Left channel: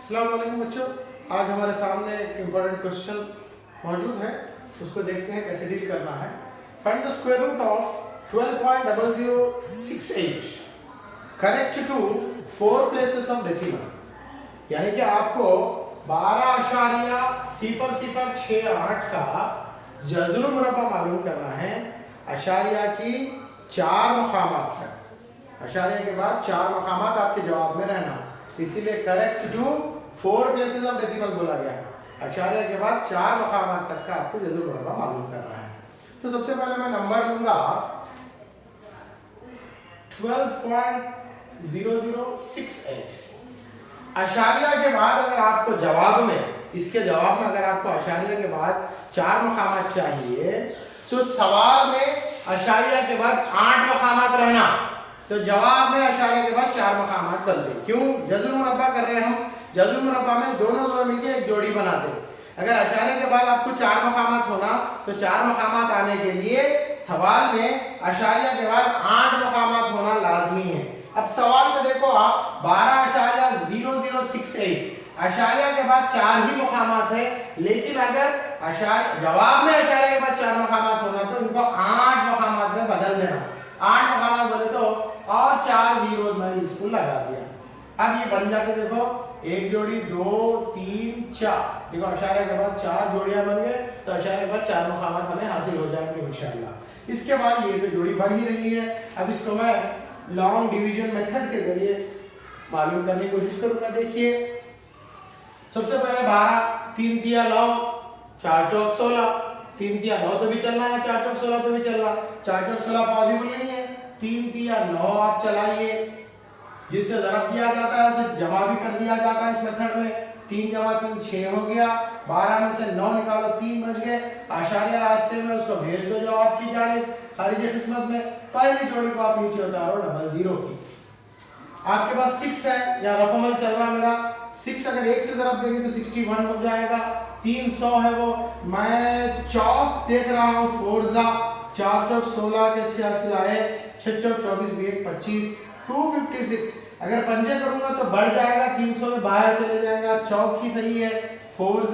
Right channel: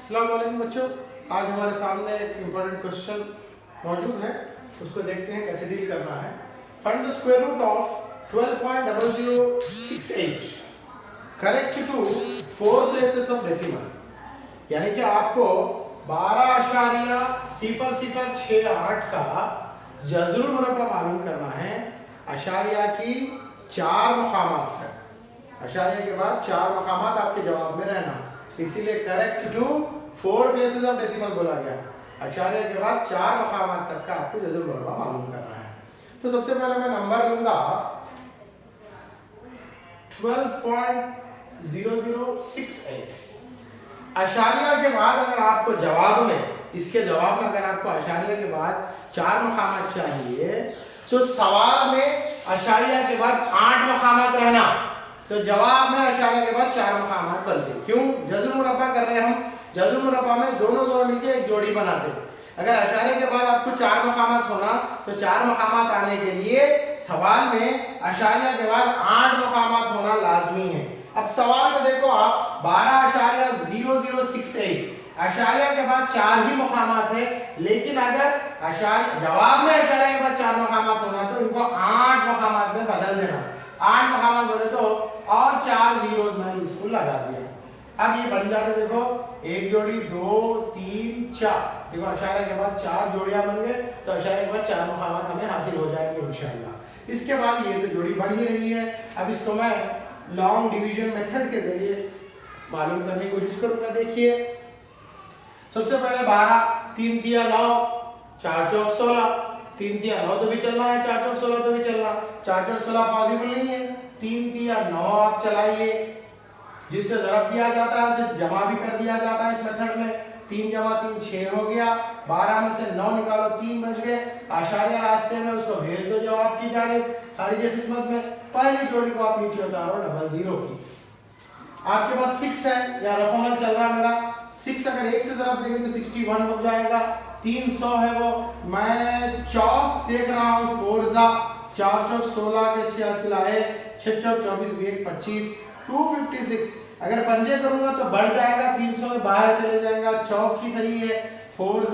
अस्सलाम वालेकुम बच्चों, आज हमारे सामने एक इम्पोर्टेंट क्वेश्चन मौजूद है। उसको देखते हैं कैसे डील करना है। Find the square root of 12.0068 correct to 4 places of decimal. यानी कि आपको 12.0068 का जज़्र मुरब्बा मालूम करना है अशारिया की 4 मकामात तक। अशारिया के बाद 4 मकामात आपके जवाब में रहना, इसीलिए correct to 4 places of decimal बोला गया। अशारिया के बाद 4 मकामात तक का आपको जज़्र मुरब्बा मालूम करना है। तो सबसे पहले मैं नंबर लूंगा 12.0068। अशारिया के बाद अगर आपको जवाब में, इसके जवाब में अगर आपको अशारिया के बाद 4 मकामात चाहिए तो सवाल में अशारिया के बाद 8 मकामात रहना, तो जवाब में अशारिया के बाद 4 मकामात बनते। क्यों? जज़्र मुरब्बा कर रहे हैं हम। जज़्र मुरब्बा में दोनों मिलकर एक जोड़ी बनाते। अगर अशारिया के बाद आपको 4 मकामात होना तो 4 मकामात आने के लिए सवाल में अशारिया के बाद 8 मकामात होना लाजमी है। अब सवाल में देखो आप 12.0068 अशारिया के बाद 4 ही मकामात है, लेकिन अगर जवाब में अशारिया के बाद 4 मकामात होना तो इनको 8 मकामात में बदल देना। 8 मकामात बोले तो और 4 जीरोस मैंने इसको लगा दिया। अब ये बन जाते, देखो एक जोड़ी 2 3 4, देखो अशारिया के बाद 4 जोड़ियां बन गए, तो अशारिया के बाद 4 मकामात हमें हासिल हो जाएंगे इंशाअल्लाह। इसके बाद ये तो जोड़ी बन ही रही है। अब इसको मैं लॉन्ग डिवीजन मेथड के जरिए मालूम करने की कोशिश करूंगा। देखिए सबसे पहले 12 3 तिया 9 4 चौक 16, 3 तिया 9 तो भी चलना है, 4 चौक 16 तो भी चलना। 4 चौक 16 पॉसिबल नहीं है। 3 तिया 9 आप चलाइए, जिससे ज़रब दिया जाता है उसे जमा भी कर दिया जाता है इस मेथड में। 3 जमा 3 6 हो गया। 12 में से 9 निकालो 3 बच गए। आशारिया रास्ते में उसको भेज दो जवाब की जानिब खारिज किस्मत में। पहली जोड़ी को आप नीचे उतारो 00 की। आपके पास 6 है, या रकमल चल रहा है मेरा 6, अगर 1 से ज़रब देंगे तो 61 हो जाएगा। 300 है वो। मैं चौक देख रहा हूँ 4 4 चौक 16 के 86 आए, 6 चौक 24 भी 1 25 256। अगर पंजे करूंगा तो बढ़ जाएगा, 300 में बाहर चले जाएगा। चौक ही सही है। 4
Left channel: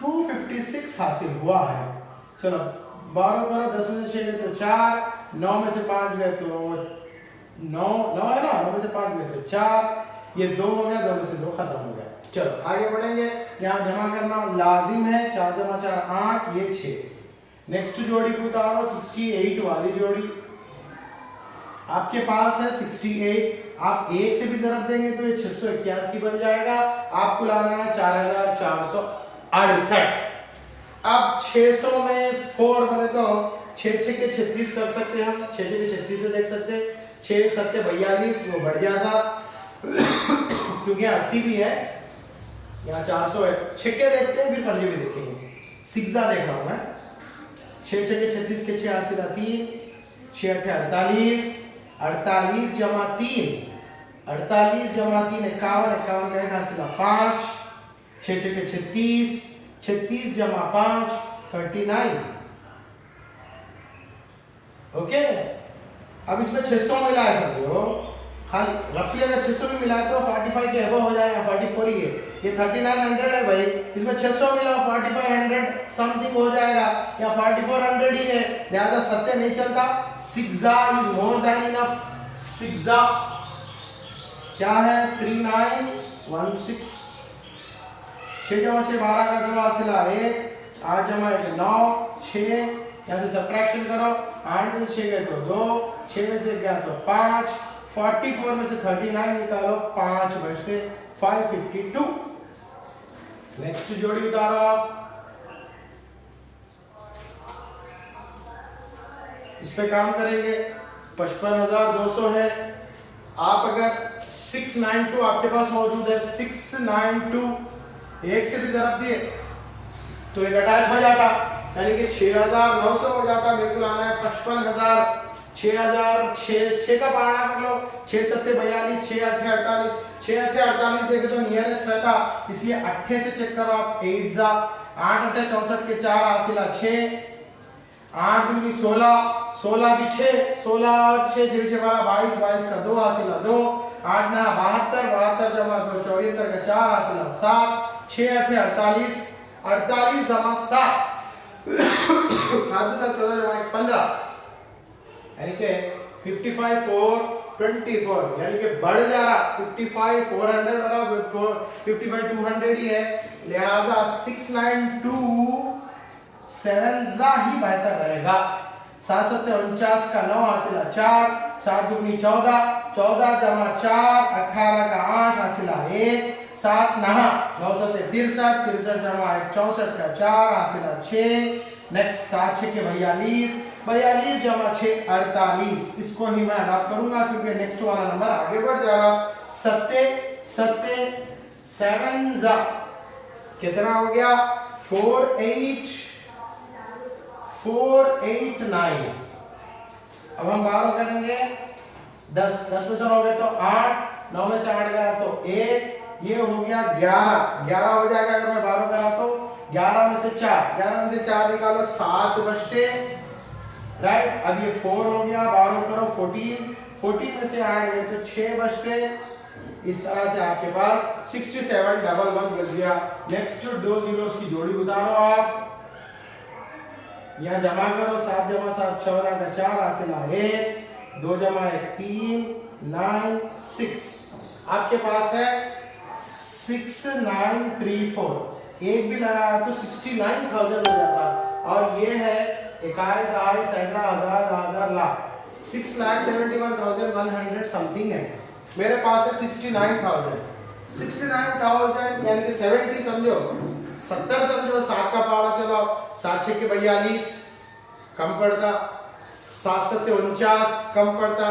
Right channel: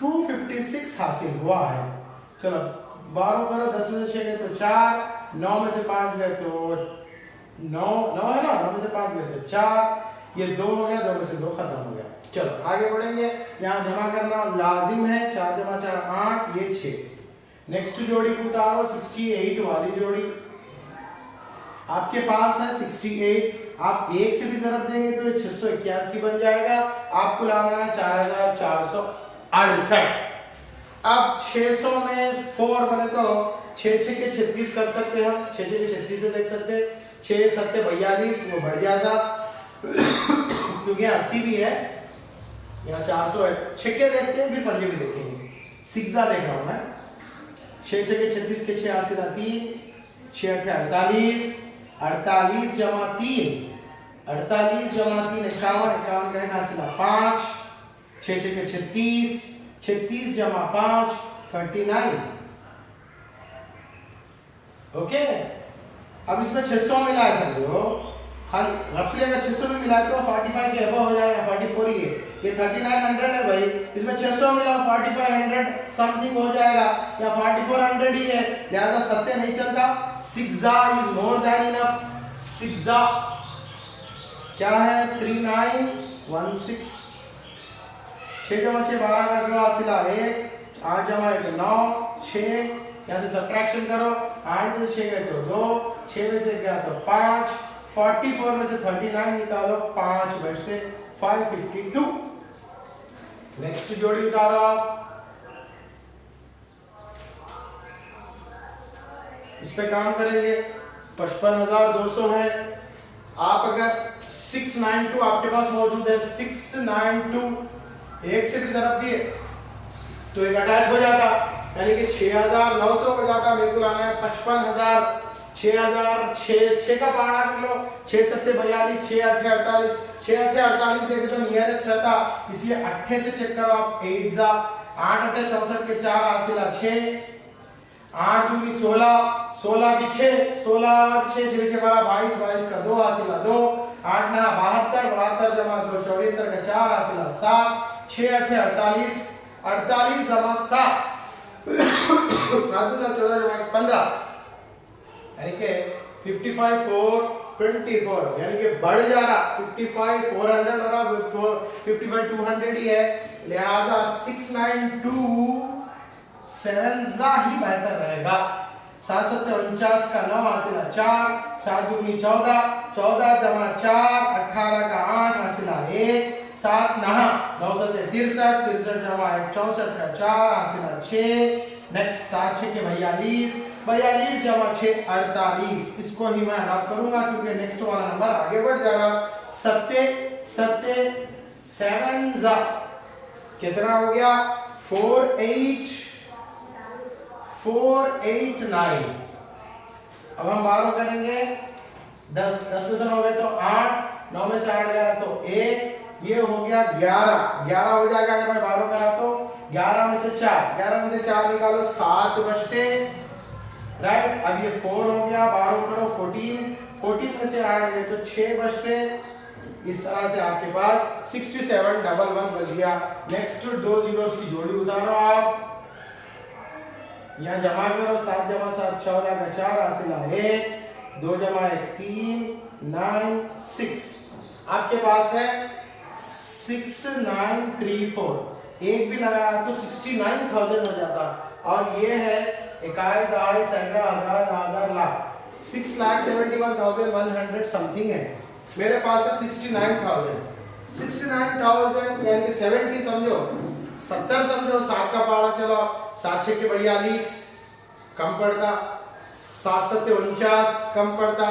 256 हासिल हुआ है। चलो 12 करो, 10 में से 6 गए तो 4, 9 में से 5 गए तो 9 है ना, 9 में से 5 गए तो 4, ये 2 हो गया, 2 में से 2 खत्म हो गया। चलो आगे बढ़ेंगे। यहाँ जमा करना लाजिम है। 4 जमा 4 8, ये 6। नेक्स्ट जोड़ी को उतारो 68 वाली जोड़ी आपके पास है 68। आप 1 से भी ज़रब देंगे तो ये 681 बन जाएगा। आपको लाना है 4468। अब 600 में 4 बने तो 6 6 के 36 कर सकते हैं हम। 6 6 के 36 से देख सकते हैं। 6 7 42, वो बढ़ जाता क्योंकि 80 भी है, यहाँ 400 है। 6 के देखते हैं, फिर पंजे भी देखेंगे। 6 देख रहा हूं मैं। 6 6 के 36 के 6 80 3, 6 8 48, 48 जमा 3 51 51 का हासिल 5, 6 6 के 36, 36 जमा 5 39। ओके, अब इसमें 600 मिला है समझो, खाली रफली अगर 600 भी मिला तो 45 के अबव हो जाएगा। 44 ही है, ये 3900 है भाई। इसमें 600 मिला 4500 समथिंग हो जाएगा, या 4400 ही है, लिहाजा सत्य नहीं चलता। 6 इज मोर देन इनफ। 6 क्या है 3916। 6 जमा 6 12 का 2 हासिला 1, 8 जमा 1 9 6, यहाँ से सब्ट्रैक्शन करो। 8 में से 6 गए तो 2, 6 में से गया तो 5, 44 में से 39 निकालो, 5 बचते 552। नेक्स्ट जोड़ी उतारो आप। इस पे काम करेंगे। 55200 है। आप अगर 692 आपके पास मौजूद है, 692 1 से भी ज़रब दिए तो एक अटैच हो जाता, यानी कि 6900 हो जाता। मेरे को लाना है 55000। 6 का पहाड़ा कर लो। 6 7 42, 6 8 48, 6 8 48 देखे तो नियरेस्ट रहता, इसलिए 8 से चेक करो आप। 8 8 8 64 के 4 हासिला 6, 8 दूनी 16, 16 भी 6, 16 और 6 6 12 22, 22 का 2 हासिला 2, 8 9 72, 72 जमा 2 74 का 4 हासिल 7, 6 8 48, 48 जमा 7 7 14 जमा 15, यानी कि 55 4 24, यानी कि बढ़ जा रहा 55 400 हो रहा, 55 200 ही है, लिहाजा 692 7 ही बेहतर रहेगा। 7 7 49 का 9 हासिल 4, 7 दूनी 14, 14 जमा 4 18 का 8 हासिल 1, 7 9 9 7 63, 63 जमा 1 64 का 4 हासिल 6, नेक्स्ट 7 6 के 42, 42 जमा 6 48, इसको ही मैं अडॉप्ट करूंगा क्योंकि नेक्स्ट वाला नंबर आगे बढ़ जा रहा। 7 7 कितना हो गया 489। अब हम बारह करेंगे 10 में से हो गए तो 8, 9 में से 8 गया तो 1, ये हो गया 11 हो जाएगा अगर मैं 12 करा तो 11 में से 4 निकालो 7 बचते, राइट। अब ये 4 हो गया, 12 करो 14 में से 8 गए तो 6 बचते। इस तरह से आपके पास 6711 बच गया। नेक्स्ट 2 जीरोस की जोड़ी उतारो आप, यहाँ जमा करो 7 जमा 7 14 का 4 हासिल 1, 2 जमा 1 3 9 6, आपके पास है 6934, एक भी लगाया तो 69,000 हो जाता। और ये है इकाई दहाई सैकड़ा हजार लाख 6,71,100 समथिंग है, मेरे पास है 69,000 यानी कि 70 समझो, 70 समझो, 7 का पारा चलो, 7 6 के 42 कम पड़ता, 7 7 49 कम पड़ता,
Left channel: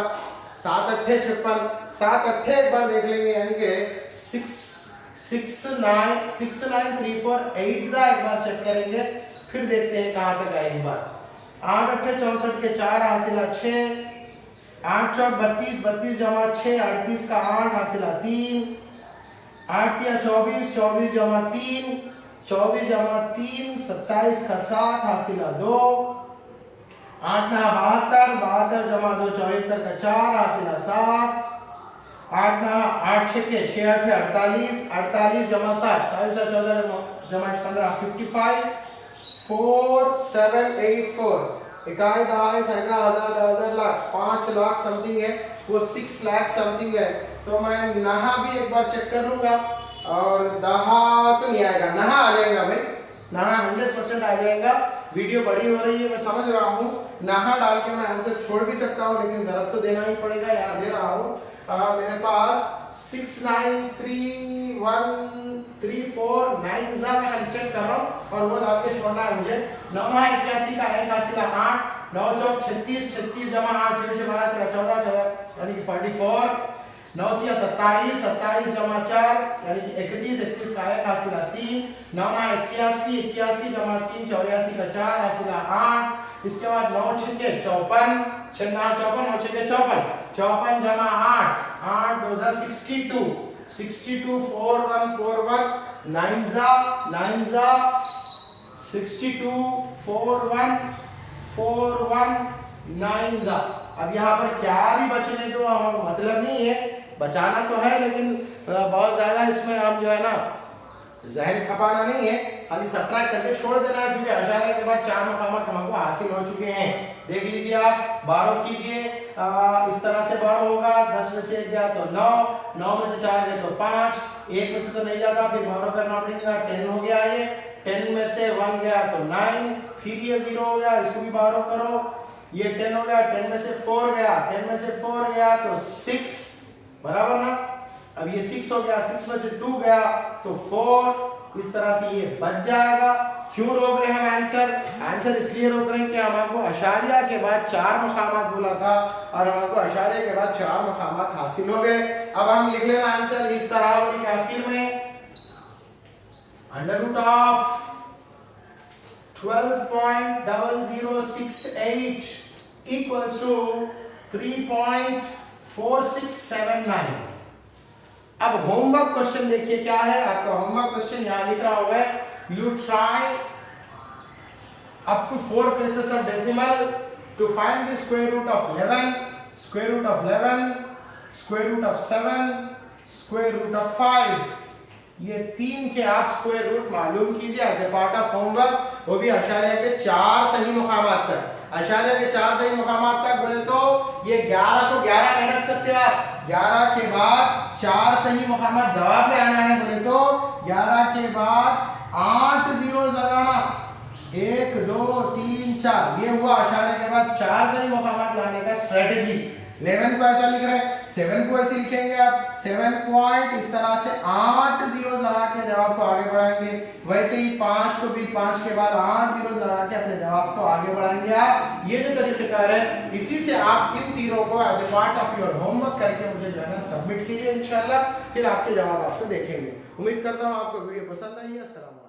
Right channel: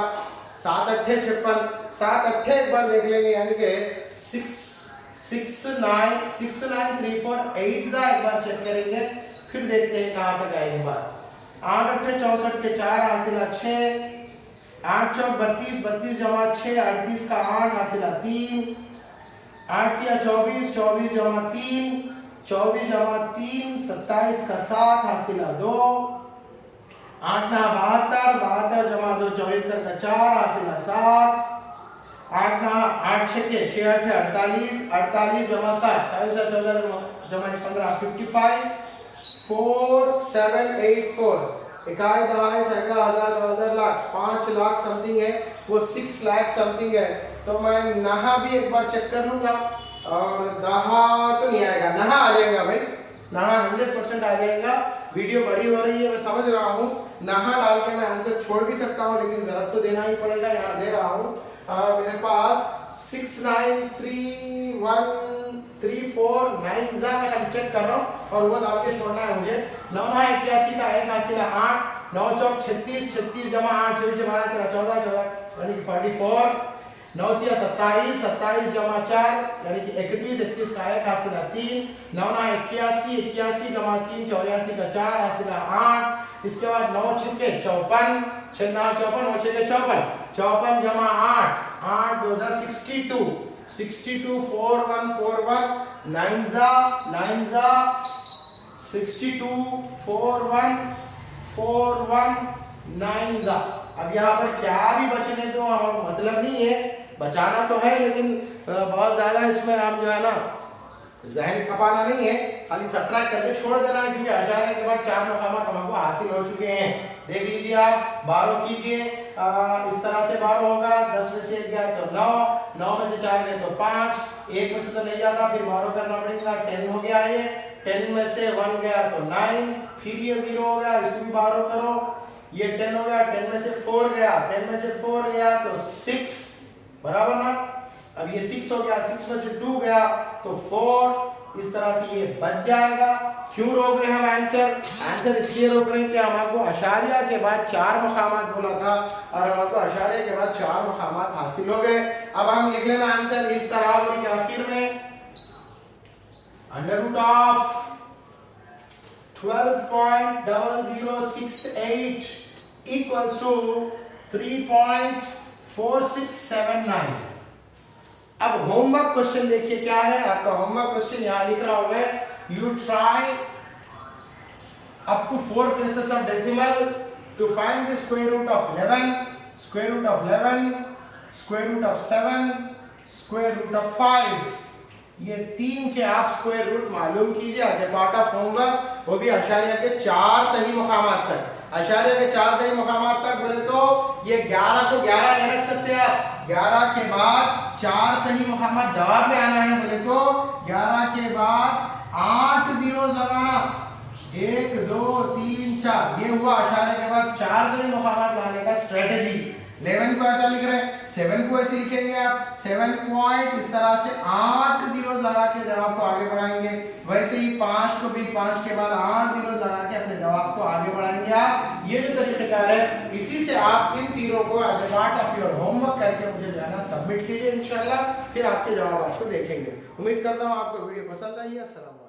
7 8 56, 7 8 एक बार देख लेंगे यानी कि 6934 एक बार चेक करेंगे, फिर देखते हैं कहां तक आएगी बात। 8 8 64 के 4 हासिल 6, 8 4 32 जमा 6 38 का 8 हासिल 3, 8 3 24 24 जमा 3 24 जमा 3 27 का 7 हासिल 2, 8 9 72 जमा 2 74 का 4 हासिल 7, 8 9 8 6 के 6 8 48 जमा 7 14 जमा 15 55 4784, इकाई दहाई सैकड़ा हजार लाख 5 लाख समथिंग है, वो 6 लाख समथिंग है। तो मैं नहा भी एक बार चेक कर लूंगा, और दहा तो नहीं आएगा, नहा आ जाएगा भाई, नहा 100% आ जाएगा। वीडियो बड़ी हो रही है मैं समझ रहा हूँ, नहा डाल के मैं आंसर छोड़ भी सकता हूँ, लेकिन जरूरत तो देना ही पड़ेगा, यहाँ दे रहा हूँ। मेरे पास 693134 मैं चेक कर रहा हूँ और वो डाल के छोड़ना है मुझे। 9 9 81 का 1 हासिल 8, 9 4 36 36 जमा 8 24 जमा 14 यानी कि 44, 9 3 27 27 जमा 4 यानी कि 31 31 का 1 हासिल 3, 9 9 81 81 जमा 3 84 का 4 हासिल 8, इसके बाद 9 6 के 54 6 9 54 9 6 के 54 54 जमा 8 8 2 10 62 4141 9 62 4141 9। अब यहाँ पर क्या भी बचने तो मतलब नहीं है, बचाना तो है लेकिन बहुत ज्यादा इसमें हम जो है ना जहन खपाना नहीं है, खाली सब्ट्रैक्ट करके छोड़ देना है, क्योंकि अशारे के बाद 4 मकामात हमको हासिल हो चुके हैं। देख लीजिए आप, 12 कीजिए, इस तरह से 12 होगा, 10 में से 1 गया तो 9, 9 में से 4 गए तो 5, 1 में से तो नहीं जाता, फिर 12 करना पड़ेगा, 10 हो गया ये, 10 में से 1 गया तो 9, फिर ये 0 हो गया, इसको भी 12 करो, ये 10 हो गया, 10 में से 4 गया, 10 में से 4 गया तो 6, बराबर ना। अब ये 6 हो गया, 6 में से 2 गया तो 4, इस तरह से ये बच जाएगा। क्यों रोक रहे हैं आंसर इसलिए रोक रहे हैं कि हमको अशारिया के बाद 4 मकामात बोला था और हमको अशारिया के बाद 4 मकामात हासिल हो गए। अब हम लिख लेना आंसर इस तरह के आखिर में √12.0068 equals to 3.4679। अब होमवर्क क्वेश्चन देखिए क्या है आपका होमवर्क क्वेश्चन, यहां लिख रहा होगा you try up to 4 places of decimal to find the square root of 11 square root of 11 square root of 7, square root of 5, ये 3 के आप स्क्वायर रूट मालूम कीजिए as a part of homework, वो भी अशारिया के 4 सही मुकामात तक। अशारिया के 4 सही मुकामात तक बोले तो ये 11 को 11 नहीं रख सकते आप, 11 के बाद 4 सही मुकामात जवाब में आना है बोले तो 11 के बाद 8 जीरो लगाना, 1 2 3 4, ये हुआ अशारिया के बाद 4 सही मुकामात लाने का स्ट्रेटेजी। 11 को ऐसा लिख रहे हैं, 7 को ऐसे लिखेंगे आप, 7 पॉइंट इस तरह से 8 जीरो लगा के जवाब को आगे बढ़ाएंगे। वैसे ही 5 को भी 5 के बाद 8 जीरो लगा के अपने जवाब को आगे बढ़ाएंगे आप। ये जो तरीकेकार है, इसी से आप इन तीनों को as a part of your homework करके मुझे जो है ना सबमिट कीजिए इंशाल्लाह, फिर आपके जवाब आपको देखेंगे। उम्मीद करता हूँ आपको वीडियो पसंद आई है। अस्सलाम वालेकुम।